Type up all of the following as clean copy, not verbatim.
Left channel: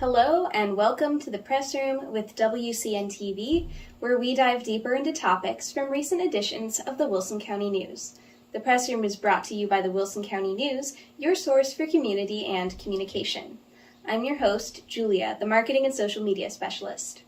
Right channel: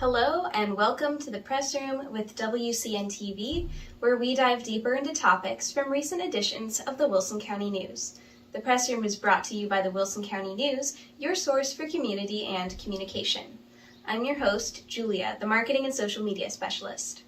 Hello and welcome to the Press Room with WCN-TV, where we dive deeper into topics from recent editions of the Wilson County News. The Press Room is brought to you by the Wilson County News, your source for community and communication. I'm your host, Julia, the Marketing and Social Media Specialist.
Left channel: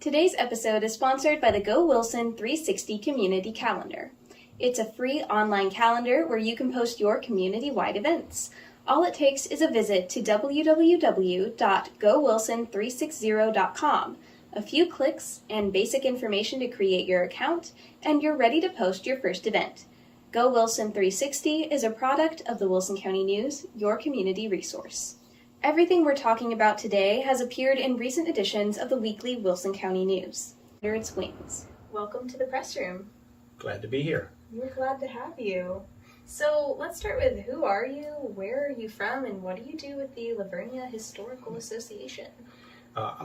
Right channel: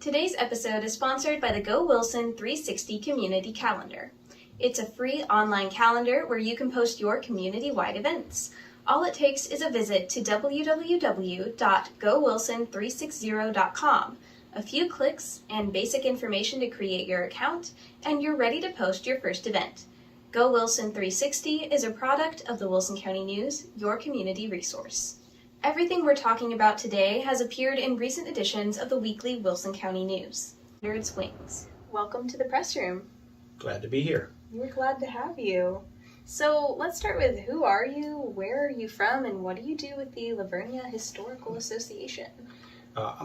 Today's episode is sponsored by the Go Wilson 360 Community Calendar. It's a free online calendar where you can post your community-wide events. All it takes is a visit to www.gowilson360.com, a few clicks and basic information to create your account, and you're ready to post your first event. Go Wilson 360 is a product of the Wilson County News, your community resource. Everything we're talking about today has appeared in recent editions of the weekly Wilson County News. Under its wings. Welcome to the Press Room. Glad to be here. We're glad to have you. So let's start with who are you, where are you from, and what do you do with the Vernia Historical Association?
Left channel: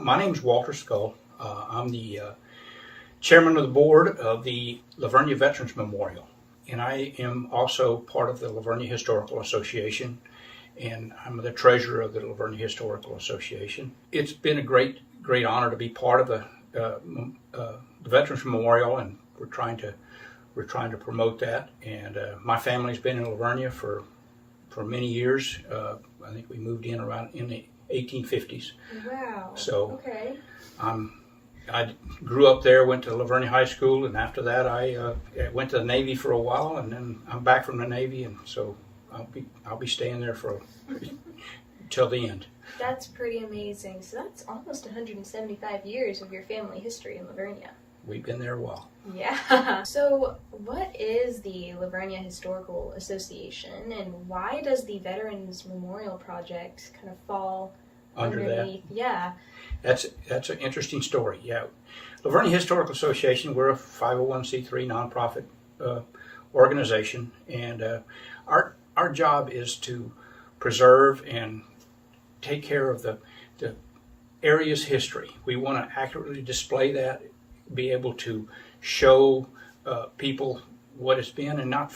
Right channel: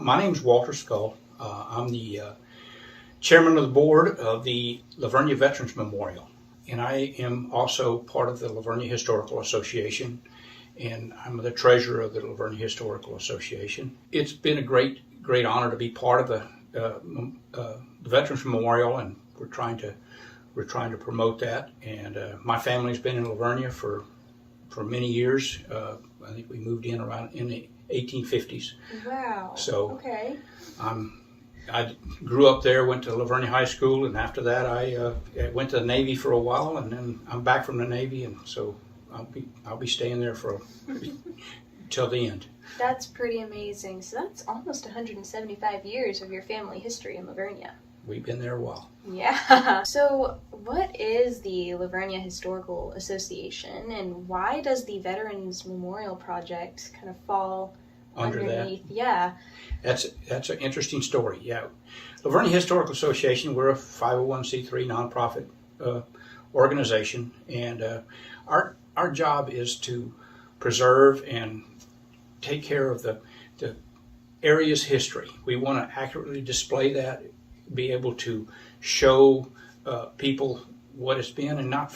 My name is Walter Scull. I'm the chairman of the board of the Vernia Veterans Memorial, and I am also part of the Vernia Historical Association, and I'm the treasurer of the Vernia Historical Association. It's been a great honor to be part of the Veterans Memorial, and we're trying to promote that, and my family's been in Vernia for many years. I think we moved in around in the 1850s. Wow. So okay. I grew up there, went to Vernia High School, and after that I went to the Navy for a while, and then I'm back from the Navy, and so I'll be staying there for till the end. That's pretty amazing. So that's almost 175 years of your family history in Vernia. We've been there a while. Yeah. So what is the Vernia Historical Association, and why does the Veterans Memorial Project kind of fall underneath? That? Yeah. That's an interesting story. Yeah. Vernia Historical Association, we're a 501c3 nonprofit organization, and our job is to preserve and take care of the area's history. We want to accurately display that, be able to show people what it's been, and not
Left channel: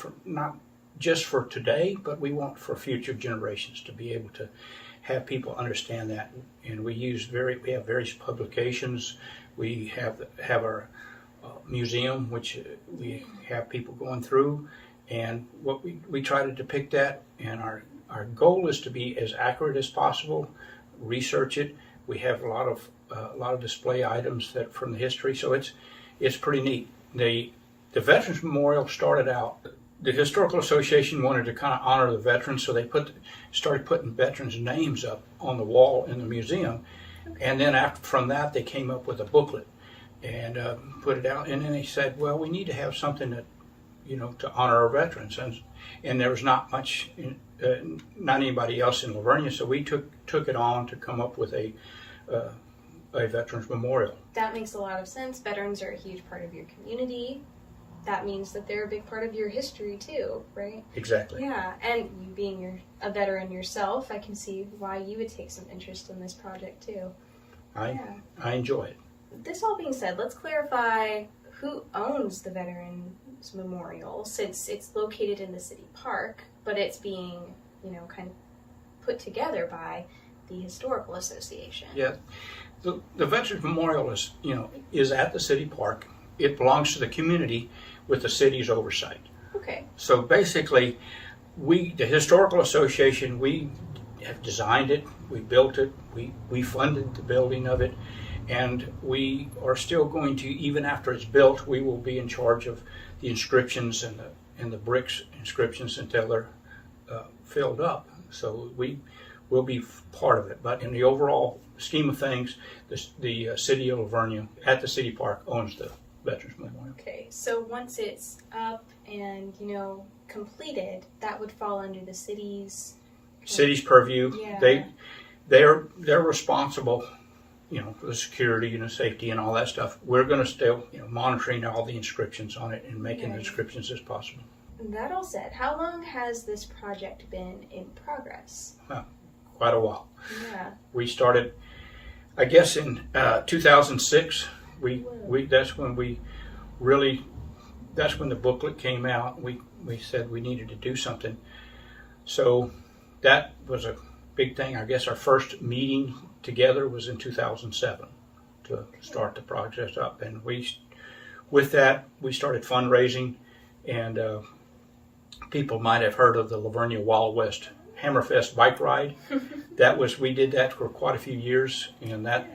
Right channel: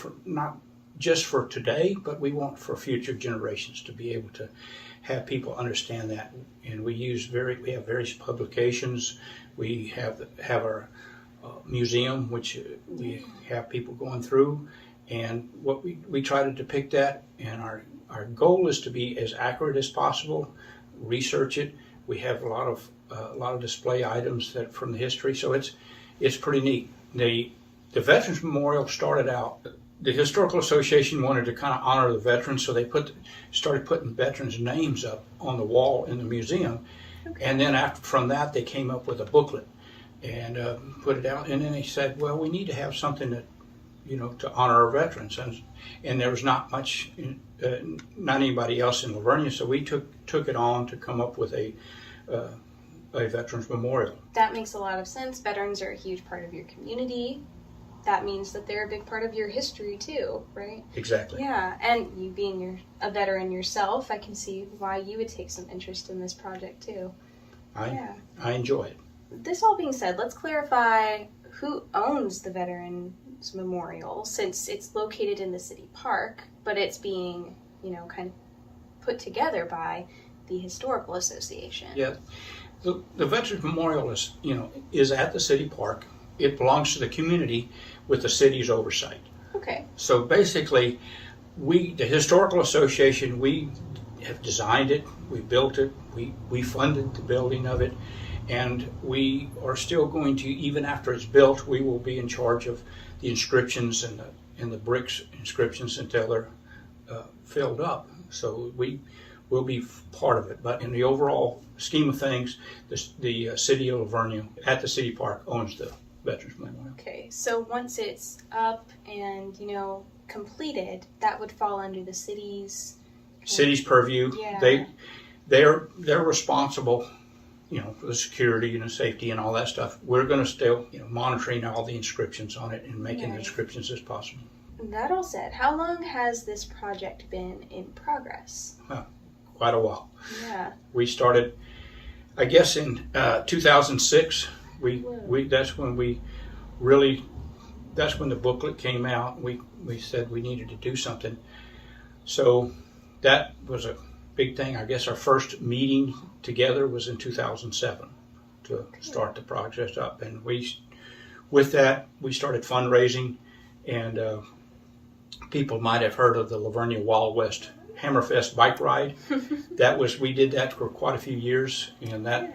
just for today, but we want for future generations to be able to have people understand that. And we have various publications. We have our museum, which we have people going through, and what we try to depict that. And our goal is to be as accurate as possible. Research it. We have a lot of display items that from the history, so it's pretty neat. The Veterans Memorial started out. The Historical Association wanted to kind of honor the veterans, so they started putting veterans' names up on the wall in the museum, okay. And then from that they came up with a booklet and put it out. And then they said, well, we need to have something that to honor our veterans, and there was not much, not anybody else in Vernia, so we took it on to come up with a Veterans Memorial. That makes a lot of sense. Veterans are a huge part of your community. That means that they're a big part of your history too, right? Exactly. Yeah, and you being a veteran yourself, I can see why you would take some interest in this project too. I enjoy it. This all being said, let's clarify who owns the Veterans Memorial, since it's located in the city park, but it's being, kind of put together by the Historical Association. Yeah, the Veterans Memorial is at the city park. It belongs to the community with the city's oversight. Okay. So basically, the Historical Association, we have designed it, we built it, we funded the building of it, and we are still going to, even after it's built, we will be in charge of the inscriptions and the bricks inscriptions until they're filled up. So we will be part of it. But in the overall scheme of things, the city of Vernia at the city park owns the Veterans Memorial. Okay, so once it's up and completed, that would fall under the city's purview. Yeah. They're responsible, for the security and the safety and all that stuff. We're going to still monitoring all the inscriptions on it and making the inscriptions as possible. That all said, how long has this project been in progress? Quite a while. Yeah. We started, I guess, in 2006. That's when the booklet came out. We said we needed to do something. So that was a big thing. I guess our first meeting together was in 2007 to start the project up. And with that, we started fundraising, and people might have heard of the Vernia Wild West Hammerfest bike ride. We did that for quite a few years, and that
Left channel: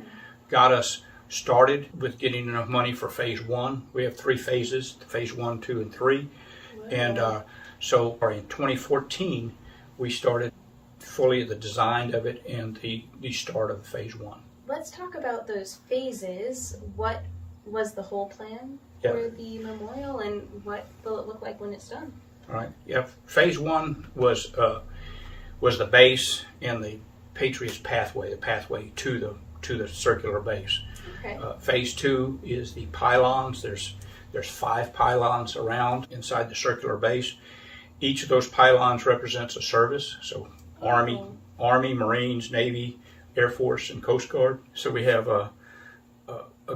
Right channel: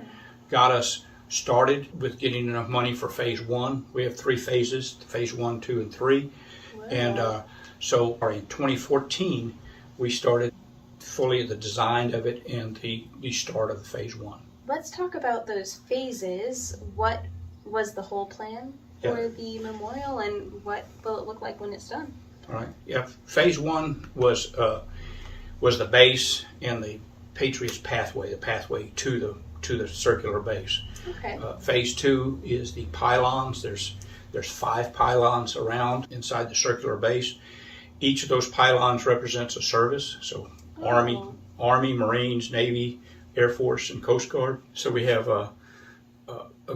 got us started with getting enough money for phase one. We have 3 phases, phase 1, 2, and 3. Wow. And so in 2014, we started fully the design of it and the start of phase 1. Let's talk about those phases. What was the whole plan for the memorial, and what will it look like when it's done? All right. Yeah. Phase 1 was the base and the Patriots pathway, the pathway to the circular base. Okay. Phase 2 is the pylons. There's 5 pylons around inside the circular base. Each of those pylons represents a service. So Army, Marines, Navy, Air Force, and Coast Guard. So we have a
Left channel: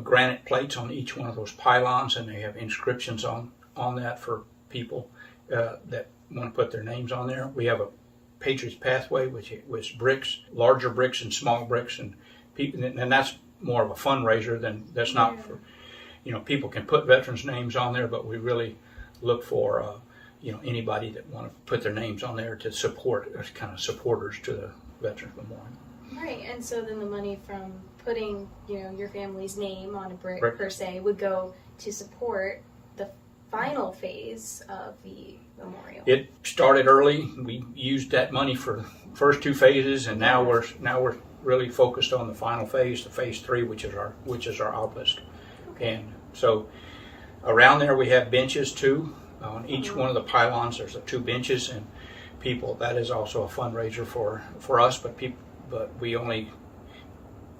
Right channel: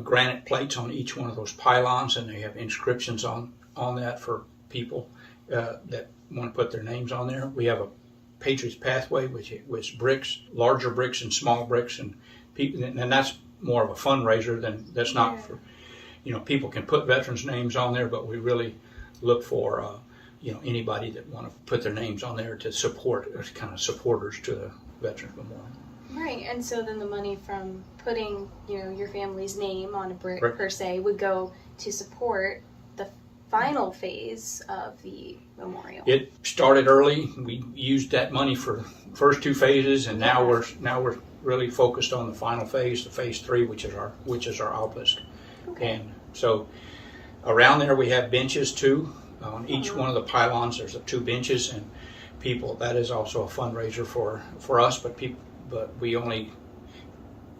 granite plates on each one of those pylons, and they have inscriptions on that for people that want to put their names on there. We have a Patriots pathway, which was bricks, larger bricks and small bricks, and people, and that's more of a fundraiser that's not for, people can put veterans' names on there, but we really look for anybody that want to put their names on there to support, as kind of supporters to the Veterans Memorial. Right, and so then the money from putting, your family's name on a brick per se would go to support the final phase of the memorial. It started early. We used that money for the first 2 phases, and now we're really focused on the final phase, the phase 3, which is our obelisk. Okay. And so around there we have benches too. On each one of the pylons there's 2 benches, and people, that is also a fundraiser for us, but we only,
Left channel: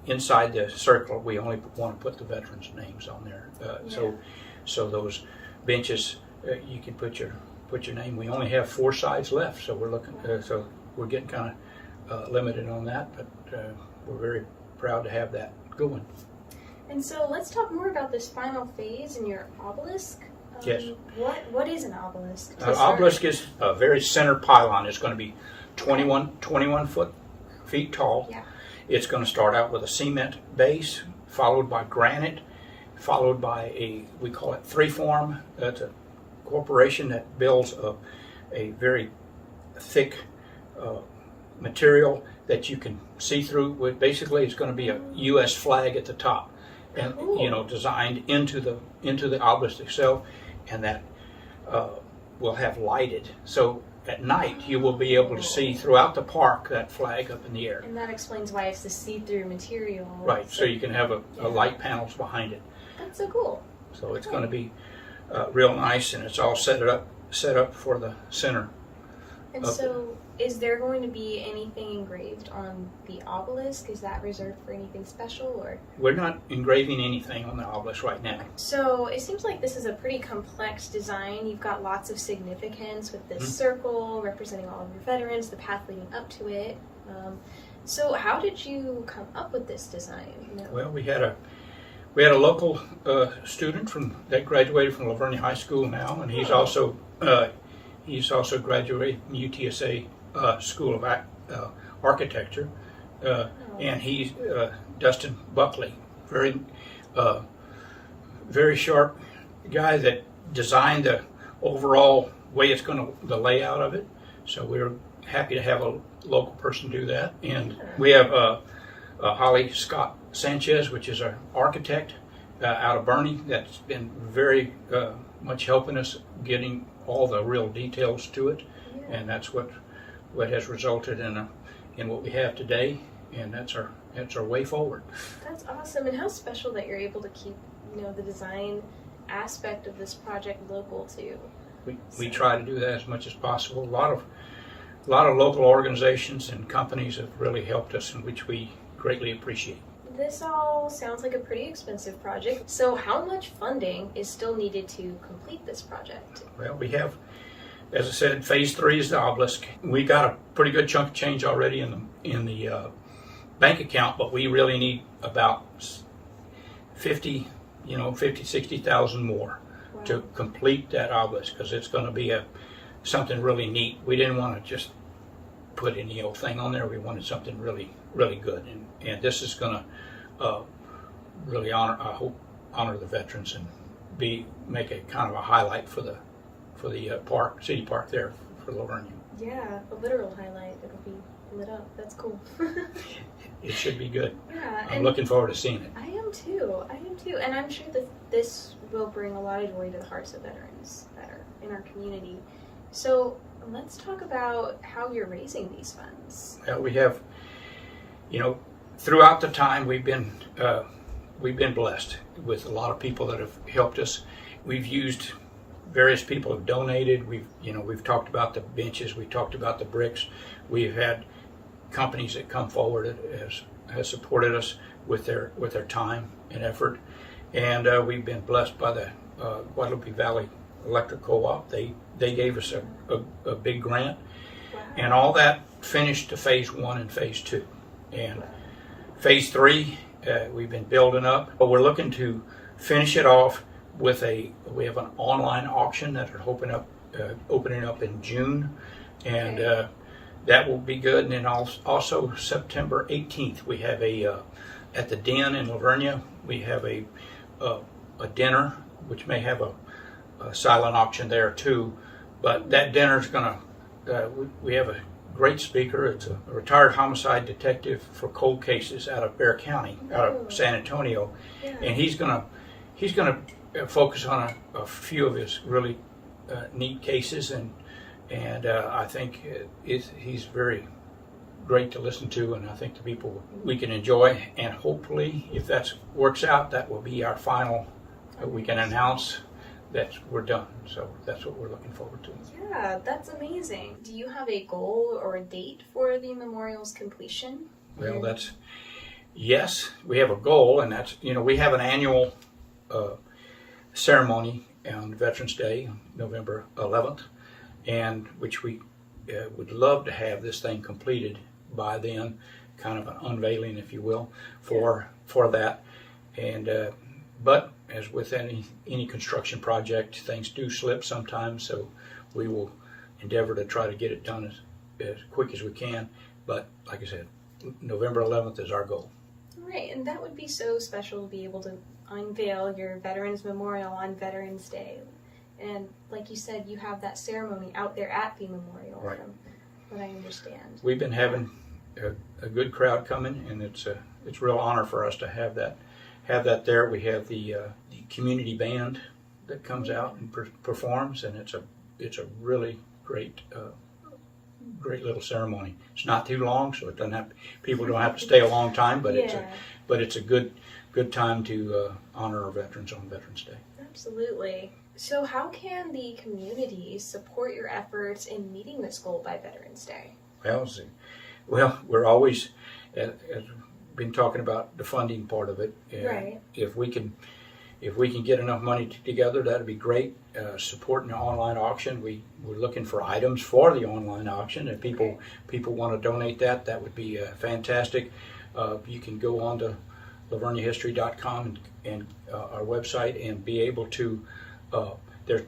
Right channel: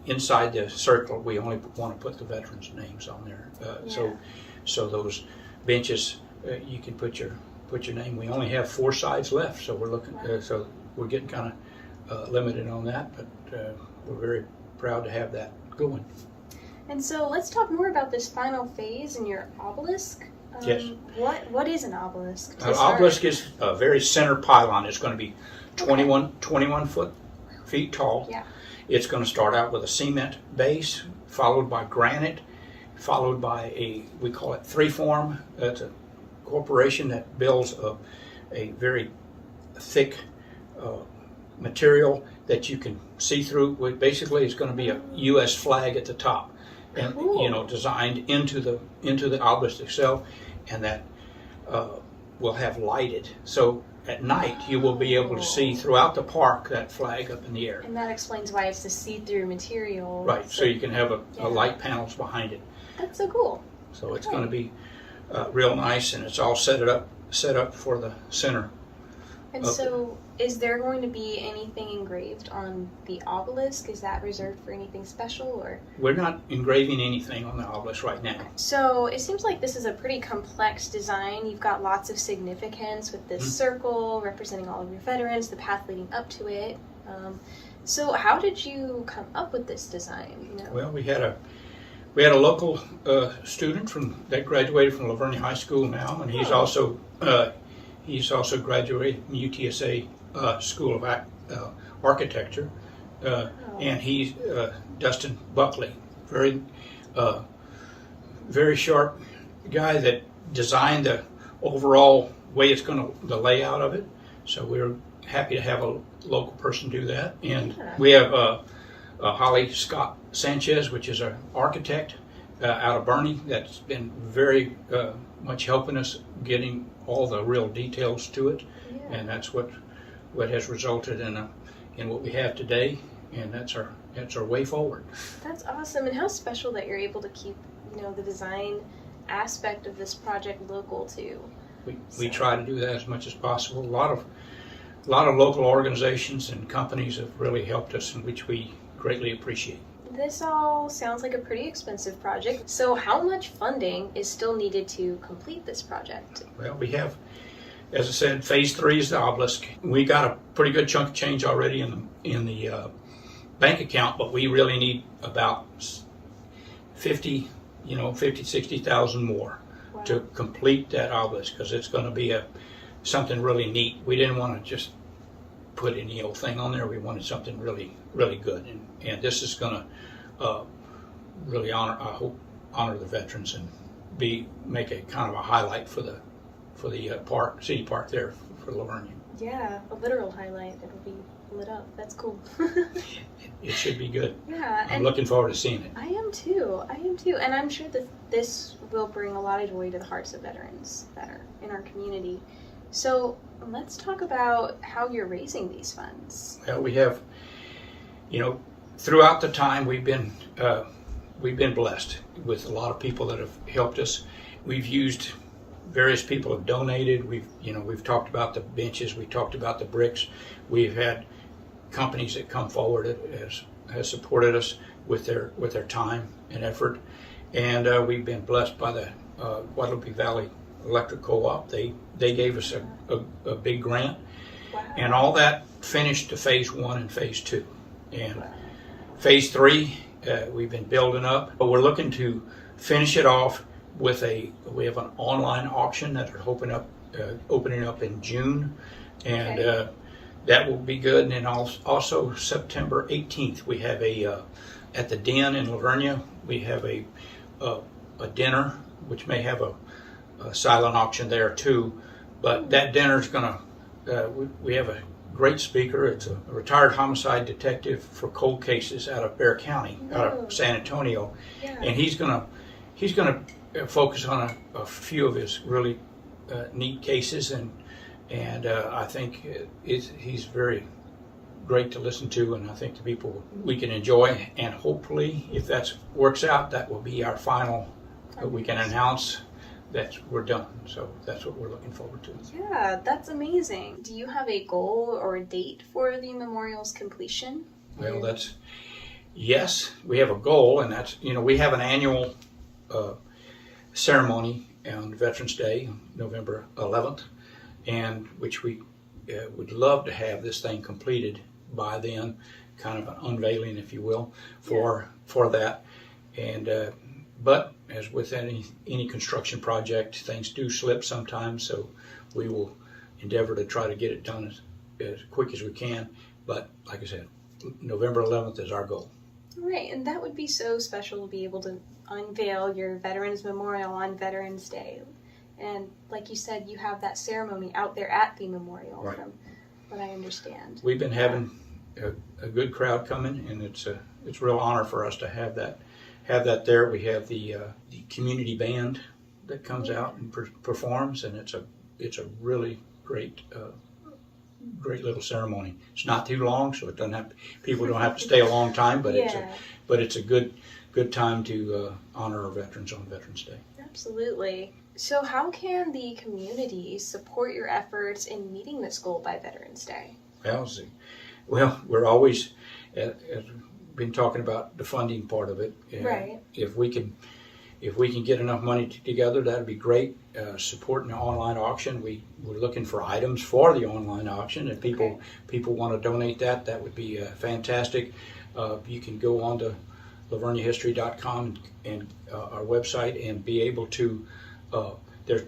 inside the circle, we only want to put the veterans' names on there. So those benches, you can put your name. We only have 4 sides left, so we're looking. So we're getting kind of limited on that, but we're very proud to have that going. And so let's talk more about this final phase and your obelisk. Yes. What is an obelisk? Obelisk is a very center pylon. It's going to be 21 feet tall. Yeah. It's going to start out with a cement base, followed by granite, followed by we call it 3form. It's a corporation that builds a very thick material that you can see through. Basically, it's going to be a U.S. flag at the top, and designed into the obelisk itself, and that will have lighted. So at night, you will be able to see throughout the park that flag up in the air. And that explains why it's the see-through material. Right. So you can have a light panels behind it. That's so cool. So it's going to be real nice, and it's all set up for the center. And so, is there going to be anything engraved on the obelisk? Is that reserved for anything special, or? We're not engraving anything on the obelisk right now. So it seems like this is a pretty complex design. You've got lots of significance with this circle representing all of your veterans, the path leading up to it. So how did you come up with this design? Well, we had a local student that graduated from Vernia High School now, and he's also graduated from UTSA School of Architecture, and he's Dustin Buckley, very sharp guy that designed the overall way the layout of it. So we're happy to have a local person do that, and we have Holly Scott Sanchez, which is an architect out of Bernie, that's been very much helping us getting all the real details to it, and that's what has resulted in what we have today, and that's our way forward. That's awesome, and how special that you're able to keep the design aspect of this project local too. We try to do that as much as possible. A lot of local organizations and companies have really helped us, in which we greatly appreciate. This all sounds like a pretty expensive project. So how much funding is still needed to complete this project? Well, we have, as I said, phase 3 is the obelisk. We got a pretty good chunk of change already in the bank account, but we really need about 60,000 more to complete that obelisk, because it's going to be something really neat. We didn't want to just put any old thing on there. We wanted something really, really good, and this is going to really honor the veterans and make a kind of a highlight for the city park there for Lavernia. Yeah, a literal highlight. It'll be lit up. That's cool. It should be good. Yeah, I'm looking forward to seeing it. I am too. And I'm sure that this will bring a lot of joy to the hearts of veterans that are in our community. So let's talk about how you're raising these funds. Well, we have, throughout the time we've been blessed with a lot of people that have helped us. We've used various people have donated. We've talked about the benches. We talked about the bricks. We've had companies that come forward has supported us with their time and effort, and we've been blessed by the Guadalupe Valley Electric Co-op. They gave us a big grant. Wow. And all that finished to phase 1 and phase 2, and phase 3 we've been building up. But we're looking to finish it off with we have an online auction that are opening up in June, and that will be good. And then also September 18th we have at the Den in Lavernia we have a dinner which may have a silent auction there too. But that dinner is gonna we have a great speaker. It's a retired homicide detective for cold cases out of Bexar County, out of San Antonio, and he's gonna focus on a few of his really neat cases, and I think he's very great to listen to, and I think the people we can enjoy, and hopefully if that works out, that will be our final. We can announce that we're done. So that's what we're looking forward to. Yeah, that's amazing. Do you have a goal or a date for the memorial's completion? Well, yes, we have a goal, and that's, we have an annual ceremony on Veterans Day, November 11th, and which we would love to have this thing completed by then, kind of an unveiling, if you will, for that. And but as with any construction project, things do slip sometimes, so we will endeavor to try to get it done as quick as we can. But like I said, November 11th is our goal. Right, and that would be so special to be able to unveil your Veterans Memorial on Veterans Day. And like you said, you have that ceremony out there at the memorial, right, from what I understand. We've been having a good crowd coming, and it's a real honor for us to have that there. We have the community band that comes out and performs, and it's a really great little ceremony. It's not too long, so people don't have to stay a long time, but it's a good time to honor our veterans on Veterans Day. Absolutely. So how can the community support your efforts in meeting this goal by Veterans Day? Well, we're always, as been talking about the funding part of it. Right. If we can get enough money together, that'd be great. Supporting the online auction, we're looking for items for the online auction. If people want to donate that would be fantastic. You can go on to laverniahistory.com and our website and be able to. There's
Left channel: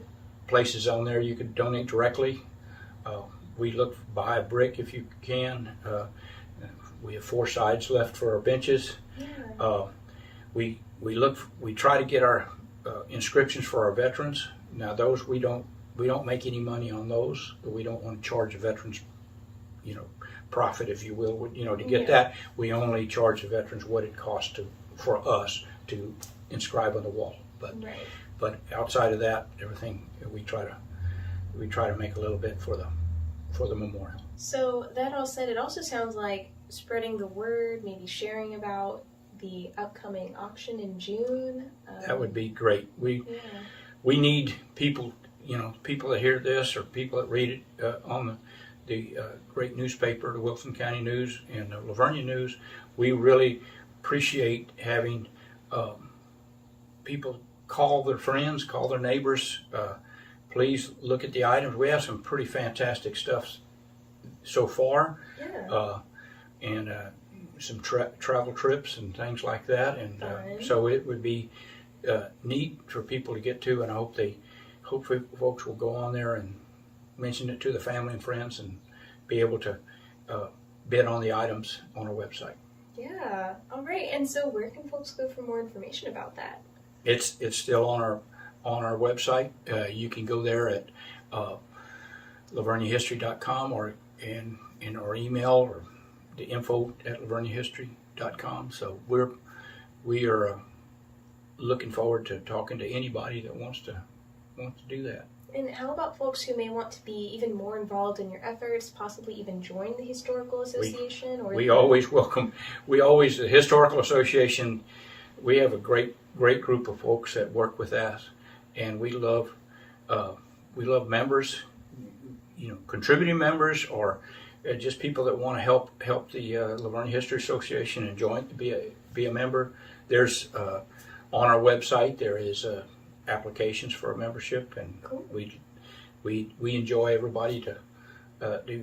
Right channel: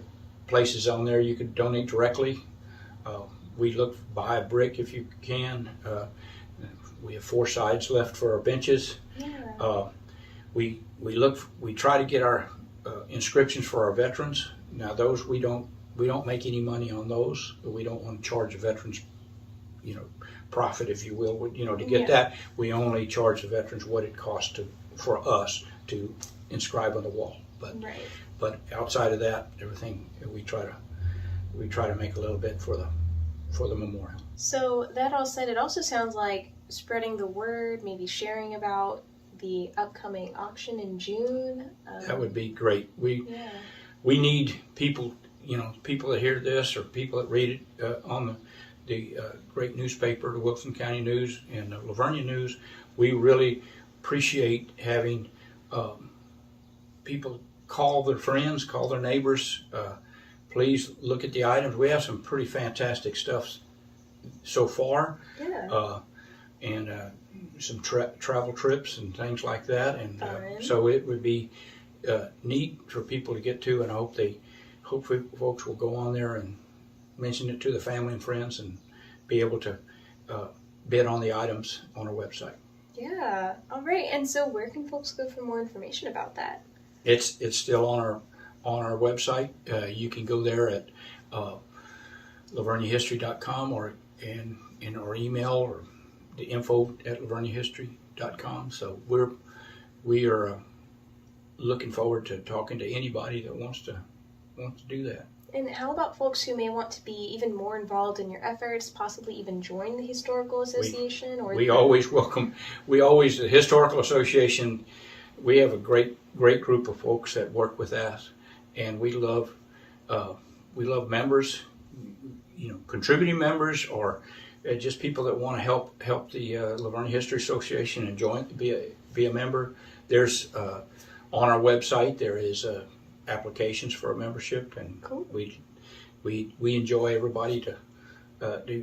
places on there you could donate directly. We buy a brick if you can. We have 4 sides left for our benches. Yeah. We try to get our inscriptions for our veterans. Now those we don't make any money on those, but we don't want to charge the veterans, profit, if you will. To get that, we only charge the veterans what it costs for us to inscribe on the wall. But outside of that, everything we try to make a little bit for the memorial. So that all said, it also sounds like spreading the word, maybe sharing about the upcoming auction in June. That would be great. We need people, people that hear this or people that read it on the great newspaper, the Wilson County News and the Lavernia News. We really appreciate having people call their friends, call their neighbors. Please look at the items. We have some pretty fantastic stuff so far. Yeah. And some travel trips and things like that. And so it would be neat for people to get to, and I hope folks will go on there and mention it to the family and friends and be able to bid on the items on our website. Yeah. All right. And so where can folks go for more information about that? It's still on our website. You can go there at laverniahistory.com or in our email or the info@laverniahistory.com. So we are looking forward to talking to anybody that wants to do that. And how about folks who may want to be even more involved in your efforts, possibly even join the Historical Association? We always welcome. The Historical Association. We have a great group of folks that work with us, and we love members, contributing members, or just people that want to help the Lavernia History Association and be a member. There's on our website there is applications for a membership, and cool. we enjoy everybody to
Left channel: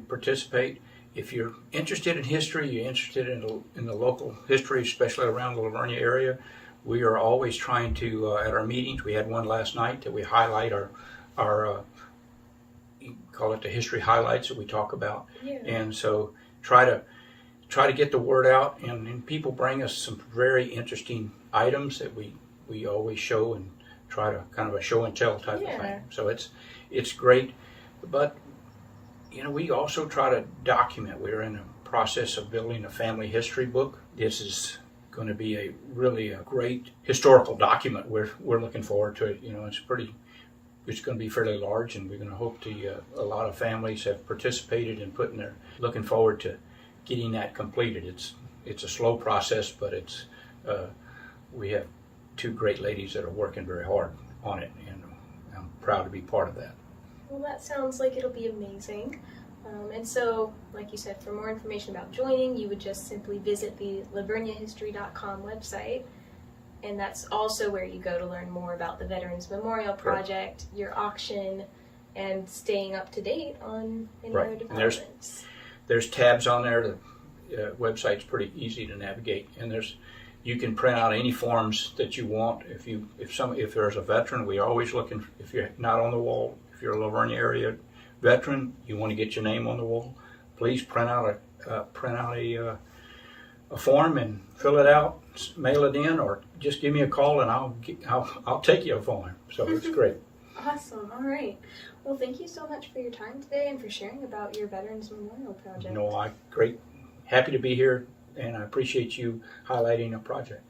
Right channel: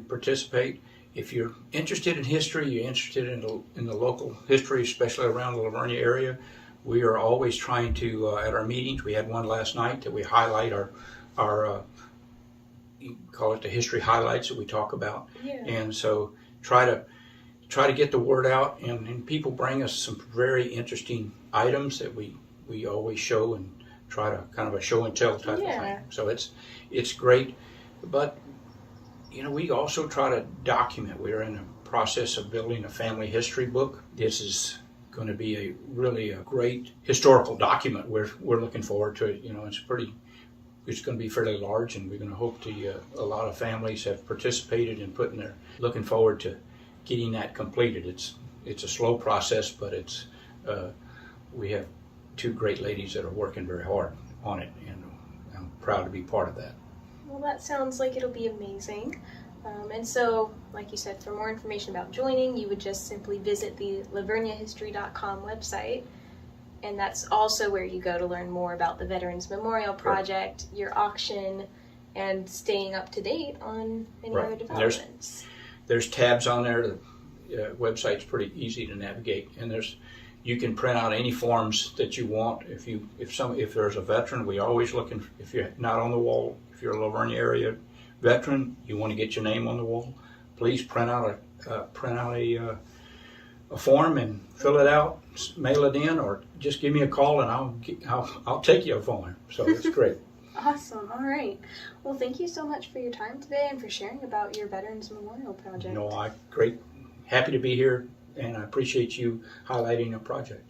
participate. If you're interested in history, you're interested in the local history, especially around the Lavernia area, we are always trying to at our meetings. We had one last night that we highlight our you call it the history highlights that we talk about. Yeah. And so try to get the word out, and people bring us some very interesting items that we always show and try to kind of a show and tell type of thing. So it's great, but we also try to document. We're in the process of building a family history book. This is going to be a great historical document. We're looking forward to it. It's going to be fairly large, and we're going to hope a lot of families have participated in looking forward to getting that completed. It's a slow process, but we have two great ladies that are working very hard on it, and I'm proud to be part of that. Well, that sounds like it'll be amazing. And so, like you said, for more information about joining, you would just simply visit the laverniahistory.com website. And that's also where you go to learn more about the Veterans Memorial Project, your auction, and staying up to date on any other developments. There's tabs on there. The website's pretty easy to navigate, and you can print out any forms that you want. If there's a veteran, we always looking. If you're not on the wall, if you're a Lavernia area veteran, you want to get your name on the wall, please print out a form and fill it out, mail it in, or just give me a call and I'll take you a form. So it's great. Awesome. All right. Well, thank you so much for your time today and for sharing about your Veterans Memorial Project. Great. Happy to be here, and I appreciate you highlighting a project.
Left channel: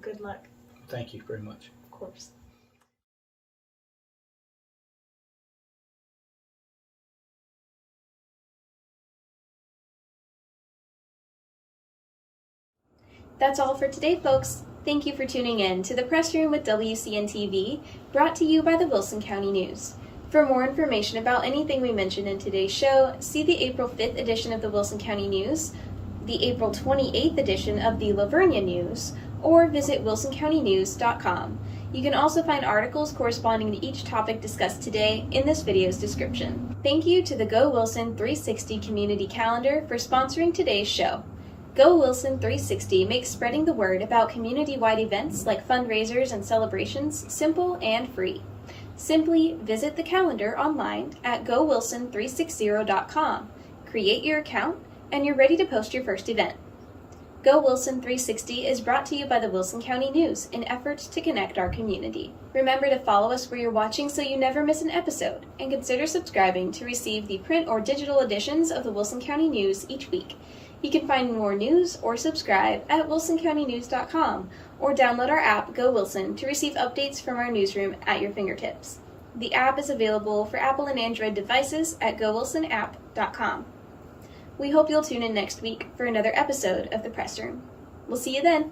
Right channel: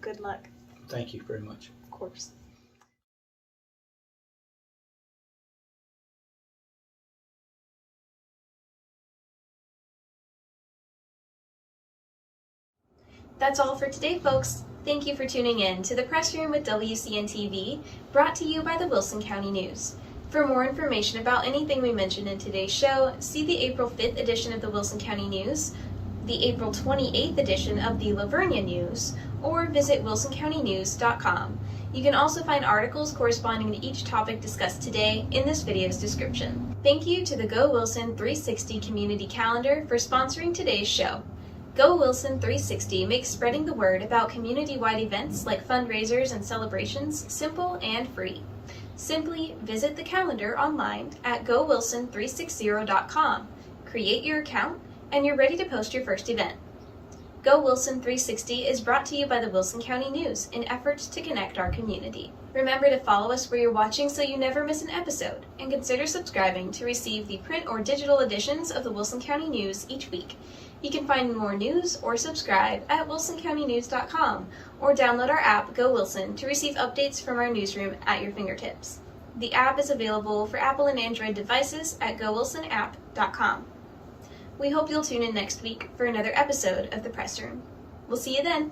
Good luck. Thank you very much. Of course. That's all for today, folks. Thank you for tuning in to the Press Room with WCN-TV, brought to you by the Wilson County News. For more information about anything we mentioned in today's show, see the April 5th edition of the Wilson County News, the April 28th edition of the Lavernia News, or visit wilsoncountynews.com. You can also find articles corresponding to each topic discussed today in this video's description. Thank you to the Go Wilson 360 Community Calendar for sponsoring today's show. Go Wilson 360 makes spreading the word about community-wide events like fundraisers and celebrations simple and free. Simply visit the calendar online at gowilson360.com, create your account, and you're ready to post your first event. Go Wilson 360 is brought to you by the Wilson County News in efforts to connect our community. Remember to follow us where you're watching so you never miss an episode, and consider subscribing to receive the print or digital editions of the Wilson County News each week. You can find more news or subscribe at wilsoncountynews.com or download our app, Go Wilson, to receive updates from our newsroom at your fingertips. The app is available for Apple and Android devices at gowilsonapp.com. We hope you'll tune in next week for another episode of The Press Room. We'll see you then.